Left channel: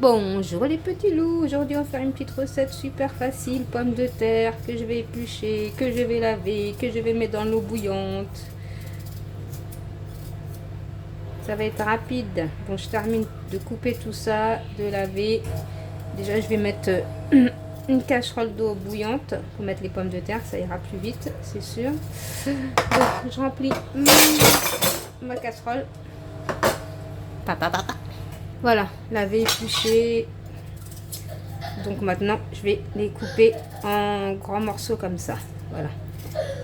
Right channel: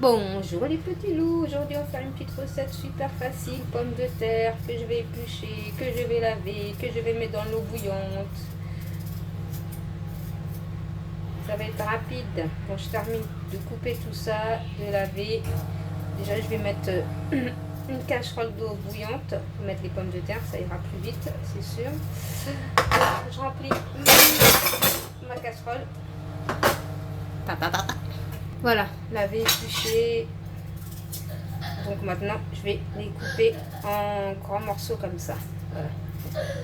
Bonjour les petits loups, aujourd'hui on va faire une petite recette super facile, pommes de terre que je vais éplucher, que je vais laver, que je vais mettre dans l'eau bouillante. Ça va être rapide. Bon, je termine de couper tout ça, de laver. Déjà je vais mettre une casserole d'eau bouillante pour mettre les pommes de terre, ça ira plus vite, c'est sûr. Donc, je remplis ma casserole. Voilà, laver, éplucher. Donc maintenant, je vais les couper en grands morceaux comme ça. Voilà.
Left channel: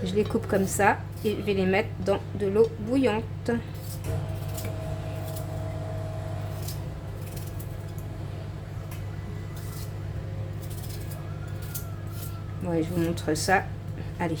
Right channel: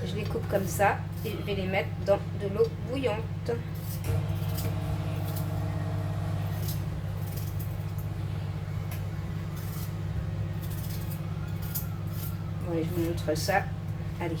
Je les coupe comme ça et je vais les mettre dans de l'eau bouillante. Ouais, je vous montre ça. Allez.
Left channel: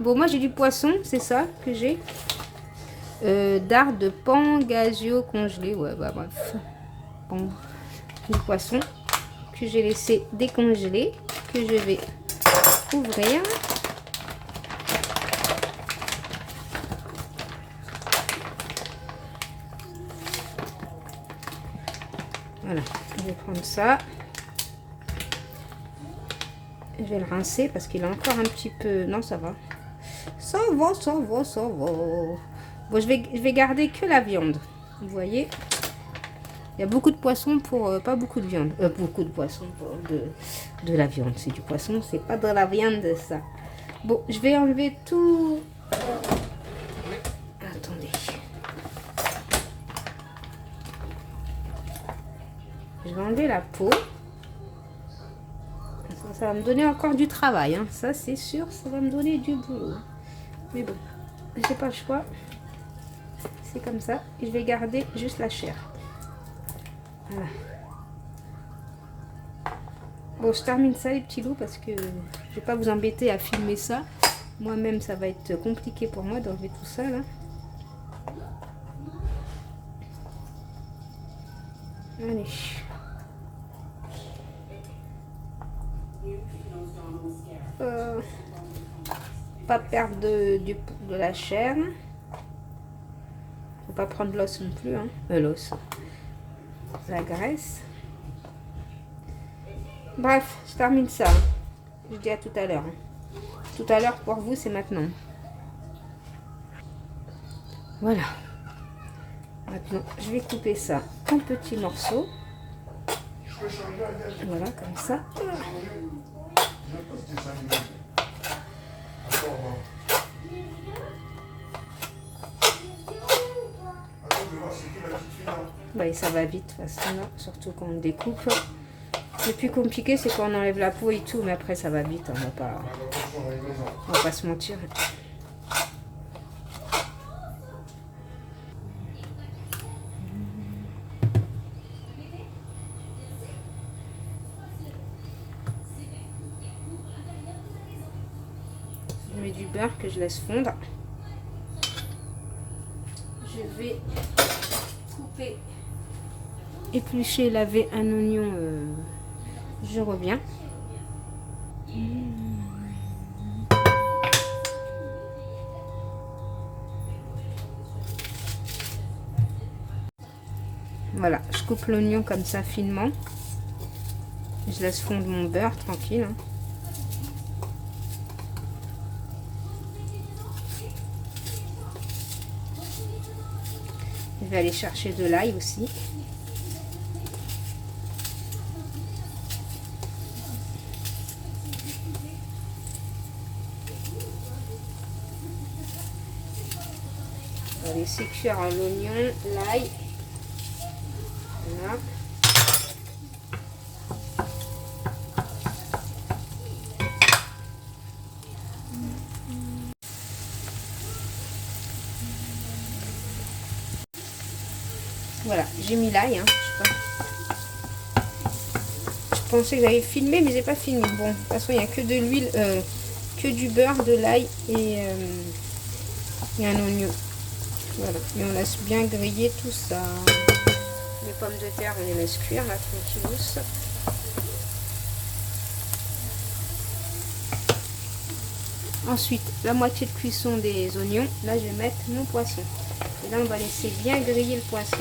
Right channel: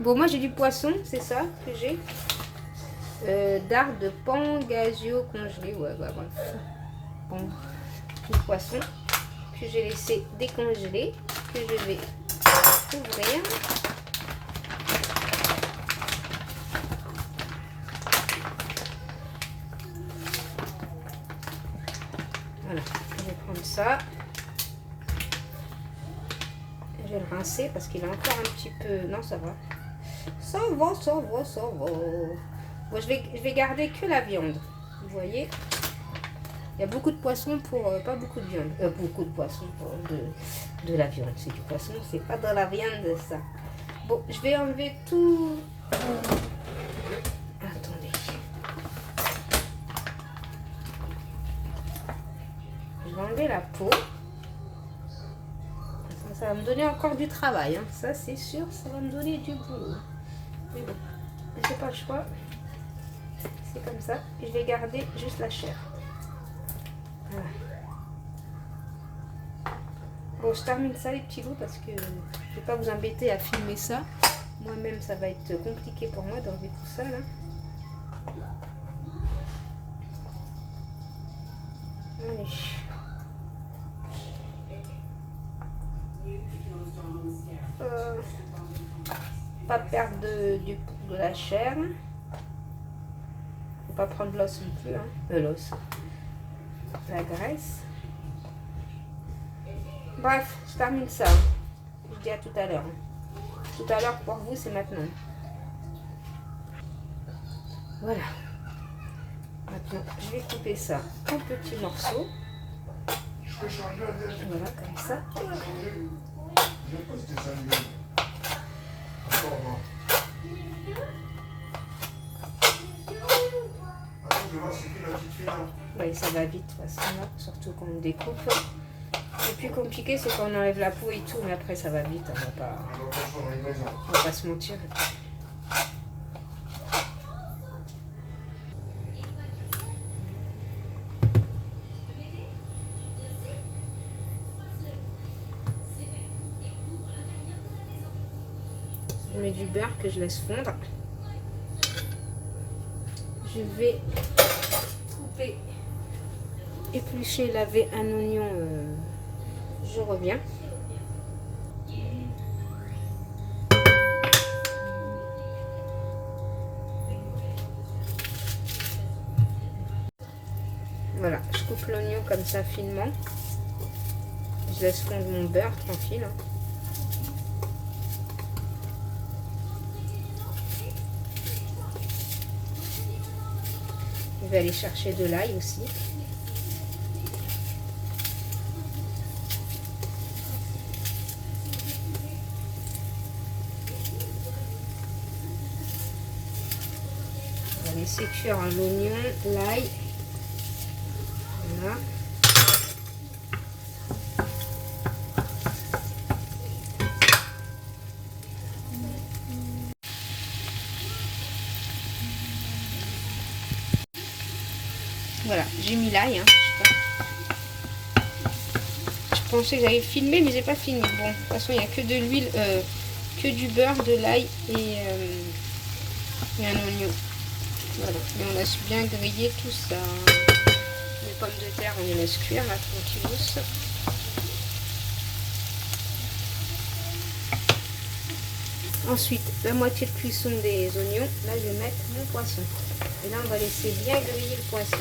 Bon, moi j'ai du poisson, c'est ça que j'ai. Dard de Pangasio congelé. Ouais, bah bref. Bon, du poisson que j'ai laissé décongeler, que je vais ouvrir. Voilà, je vais prendre ça. Je vais le rincer parce qu'il est encore un petit peu... Non, ça va. Ça va, ça va, ça va. Bon, je vais garder que la viande. Vous voyez, il y a beaucoup de poissons pour pas beaucoup de viande. Beaucoup de poissons pour de la viande. C'est du poisson, c'est pas de la viande, ça. Bon, je vais enlever tout... Attendez. Je vais enlever la peau. Ça va me donner encore du travail, hein. Ça c'est sûr, ça va me donner du boulot. Mais bon, j'ai pas le choix. C'est comme ça. Et je vais garder juste la chair. Voilà. Bon, je termine ça les petits loups parce que je vais pas vous embêter à filmer ça. Moi-même, ça va être compliqué pour moi d'enlever tout ça là. Allez. Pas perdre de la chair. Faut pas prendre l'os non plus, hein. L'os, la graisse. Bref, je termine ça. Je dis à tout à l'heure. Tout à l'heure pour vous, c'est maintenant. Voilà. Maintenant, je vais couper ça en petits morceaux. Voilà, comme ça. Ouais, ça va vite, de toute façon, surtout quand on découpe. Le plus compliqué, c'est quand on enlève la peau et tout, mais après, ça va vite. On va pas se mentir. Je mets du beurre que je laisse fondre. Je vais couper, éplucher, laver un oignon. Je reviens. Voilà, je coupe l'oignon comme ça finement. Je laisse fondre mon beurre tranquille. Je vais aller chercher de l'ail aussi. On va laisser cuire l'oignon, l'ail. Voilà. Voilà, j'ai mis l'ail. Hein. Je pensais que j'allais filmer, mais j'ai pas filmé. Bon, de toute façon, il n'y a que de l'huile, que du beurre, de l'ail et un oignon. Voilà, et on laisse bien griller tout ça. Je vais pommes de terre, on les laisse cuire là, tranquillos. Ensuite, la moitié de cuisson des oignons. Là, je vais mettre mon poisson. Et là, on va laisser bien griller le poisson.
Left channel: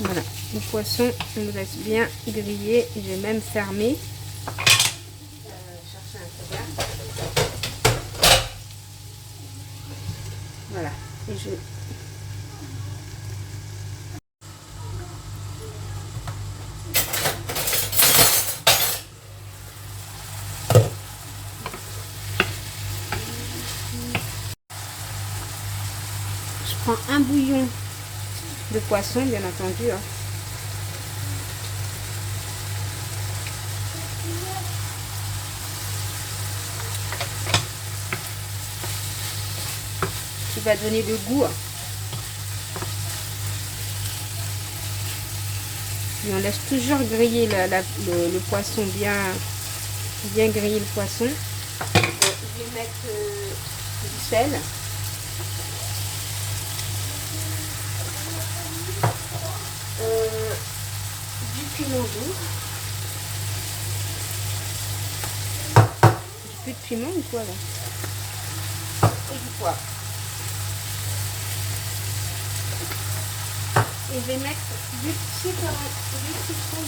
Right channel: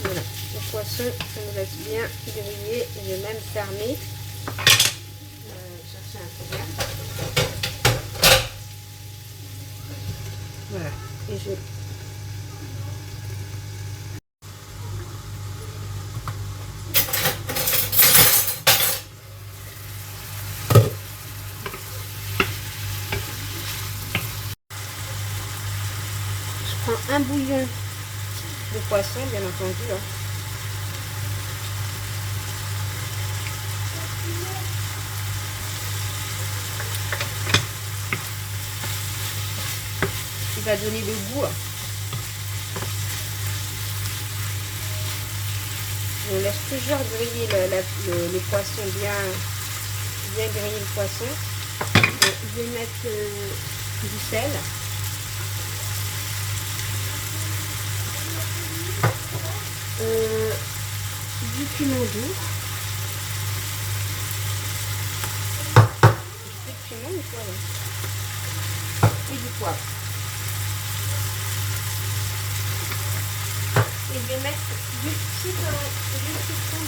Voilà, le poisson, on le laisse bien griller. Je vais même fermer. Chercher un couvert. Voilà, et je prends un bouillon de poisson, bien entendu. Hein. Qui va donner le goût. Et on laisse toujours griller le poisson, bien griller le poisson. Donc, je vais mettre du sel. Du piment doux. Plus de piment ou quoi là? Et du poivre. Et je vais mettre du citron, du citron.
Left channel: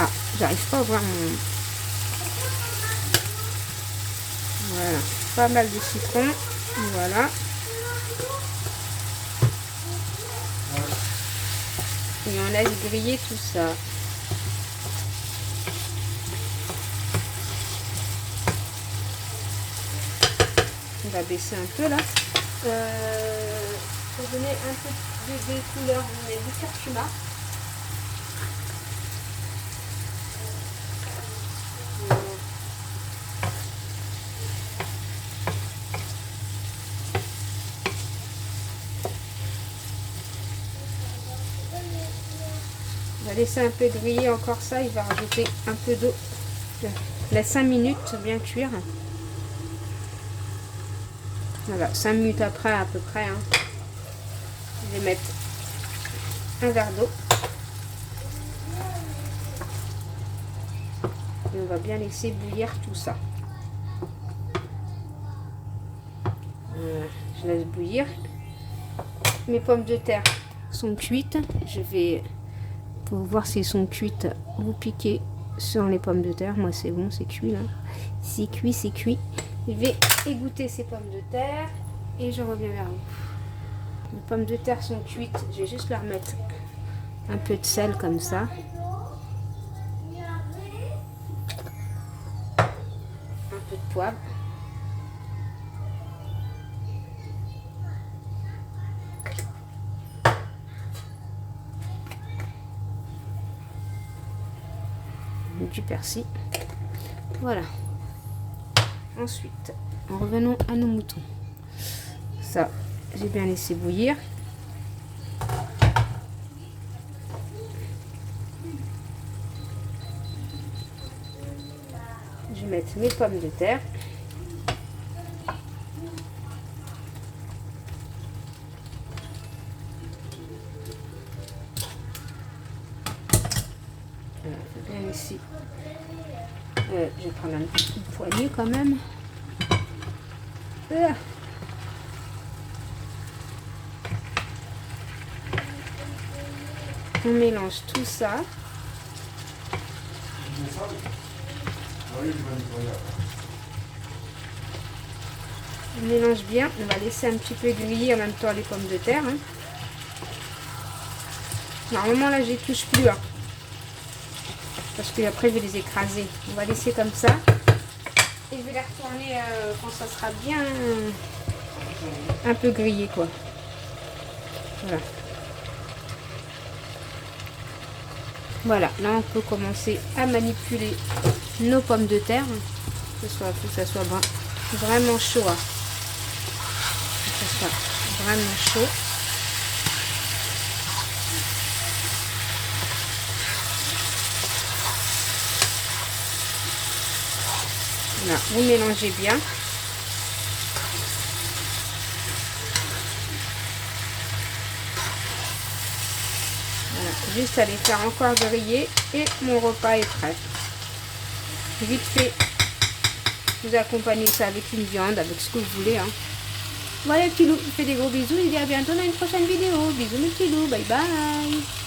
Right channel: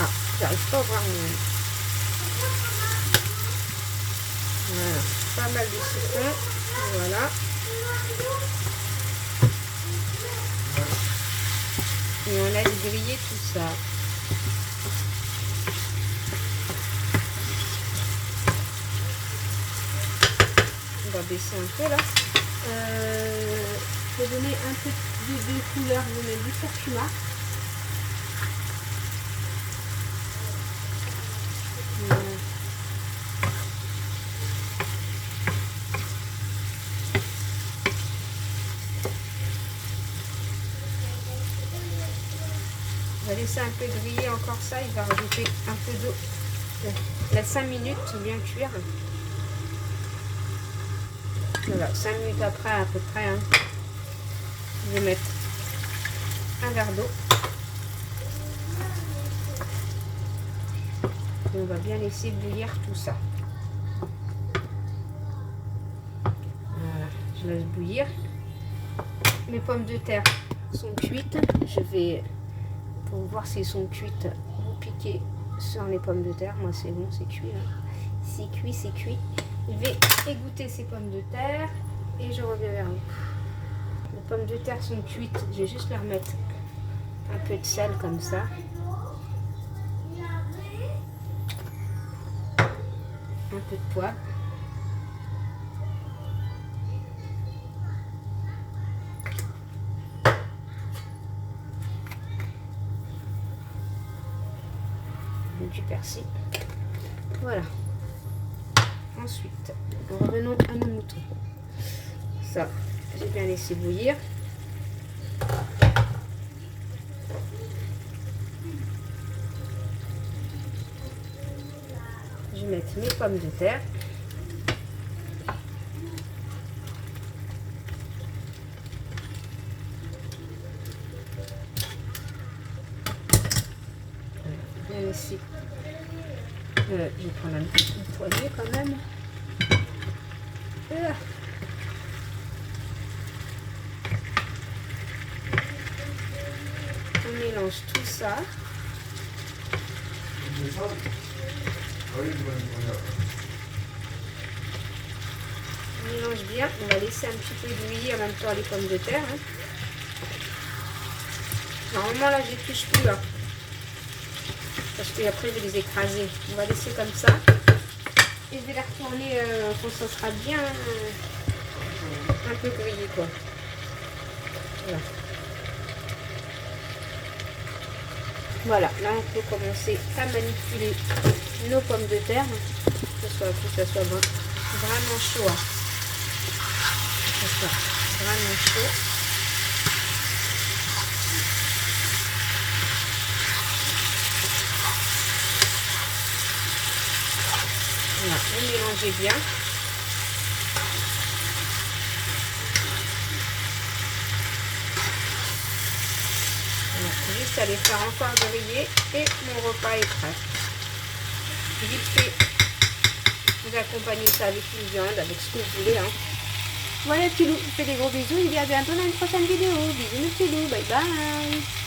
Ah, j'arrive pas à voir mon... Voilà, pas mal de citron. Voilà. Et on laisse griller tout ça. On va baisser un peu là. Pour donner un peu de couleur, je vais mettre du curcuma. Laisser un peu griller encore ça, il va rajouter un peu d'eau. Laisse 5 minutes bien cuire. Voilà, 5 minutes après à peu près. Hein. Je vais mettre un verre d'eau. Et on va bien laisser bouillir tout ça. Voilà, je laisse bouillir. Mes pommes de terre sont cuites. Je vais... Pour voir si elles sont cuites, vous piquez sur les pommes de terre. Moi, c'est bon, c'est cuit là. C'est cuit, c'est cuit. Je vais égoutter ces pommes de terre et je reviens vers vous. Les pommes de terre sont cuites. Je vais juste leur mettre un peu de sel comme ça. Un peu de poivre. Du persil. Voilà. Ensuite, revenons à nos moutons. Ça, j'ai bien laissé bouillir. Je vais mettre mes pommes de terre. Bien laisser. Je vais prendre un petit poignet quand même. On mélange tout ça. On mélange bien. On va laisser un petit peu griller en même temps les pommes de terre. Hein. Normalement là, je les touche plus. Hein. Parce que après, je vais les écraser. On va laisser comme ça. Et je vais les retourner quand ça sera bien un peu grillé, quoi. Voilà. Voilà, là on peut commencer à manipuler nos pommes de terre. Que ça soit bon. Vraiment chaud. Hein. Vraiment chaud. Voilà, vous mélangez bien. Voilà, juste à les faire encore griller et mon repas est prêt. Vite fait, vous accompagnez ça avec une viande, avec ce que vous voulez. Hein. Voilà, petit loup, je vous fais des gros bisous. Je vous dis à bientôt dans une prochaine vidéo. Bisous mes petits loups, bye bye.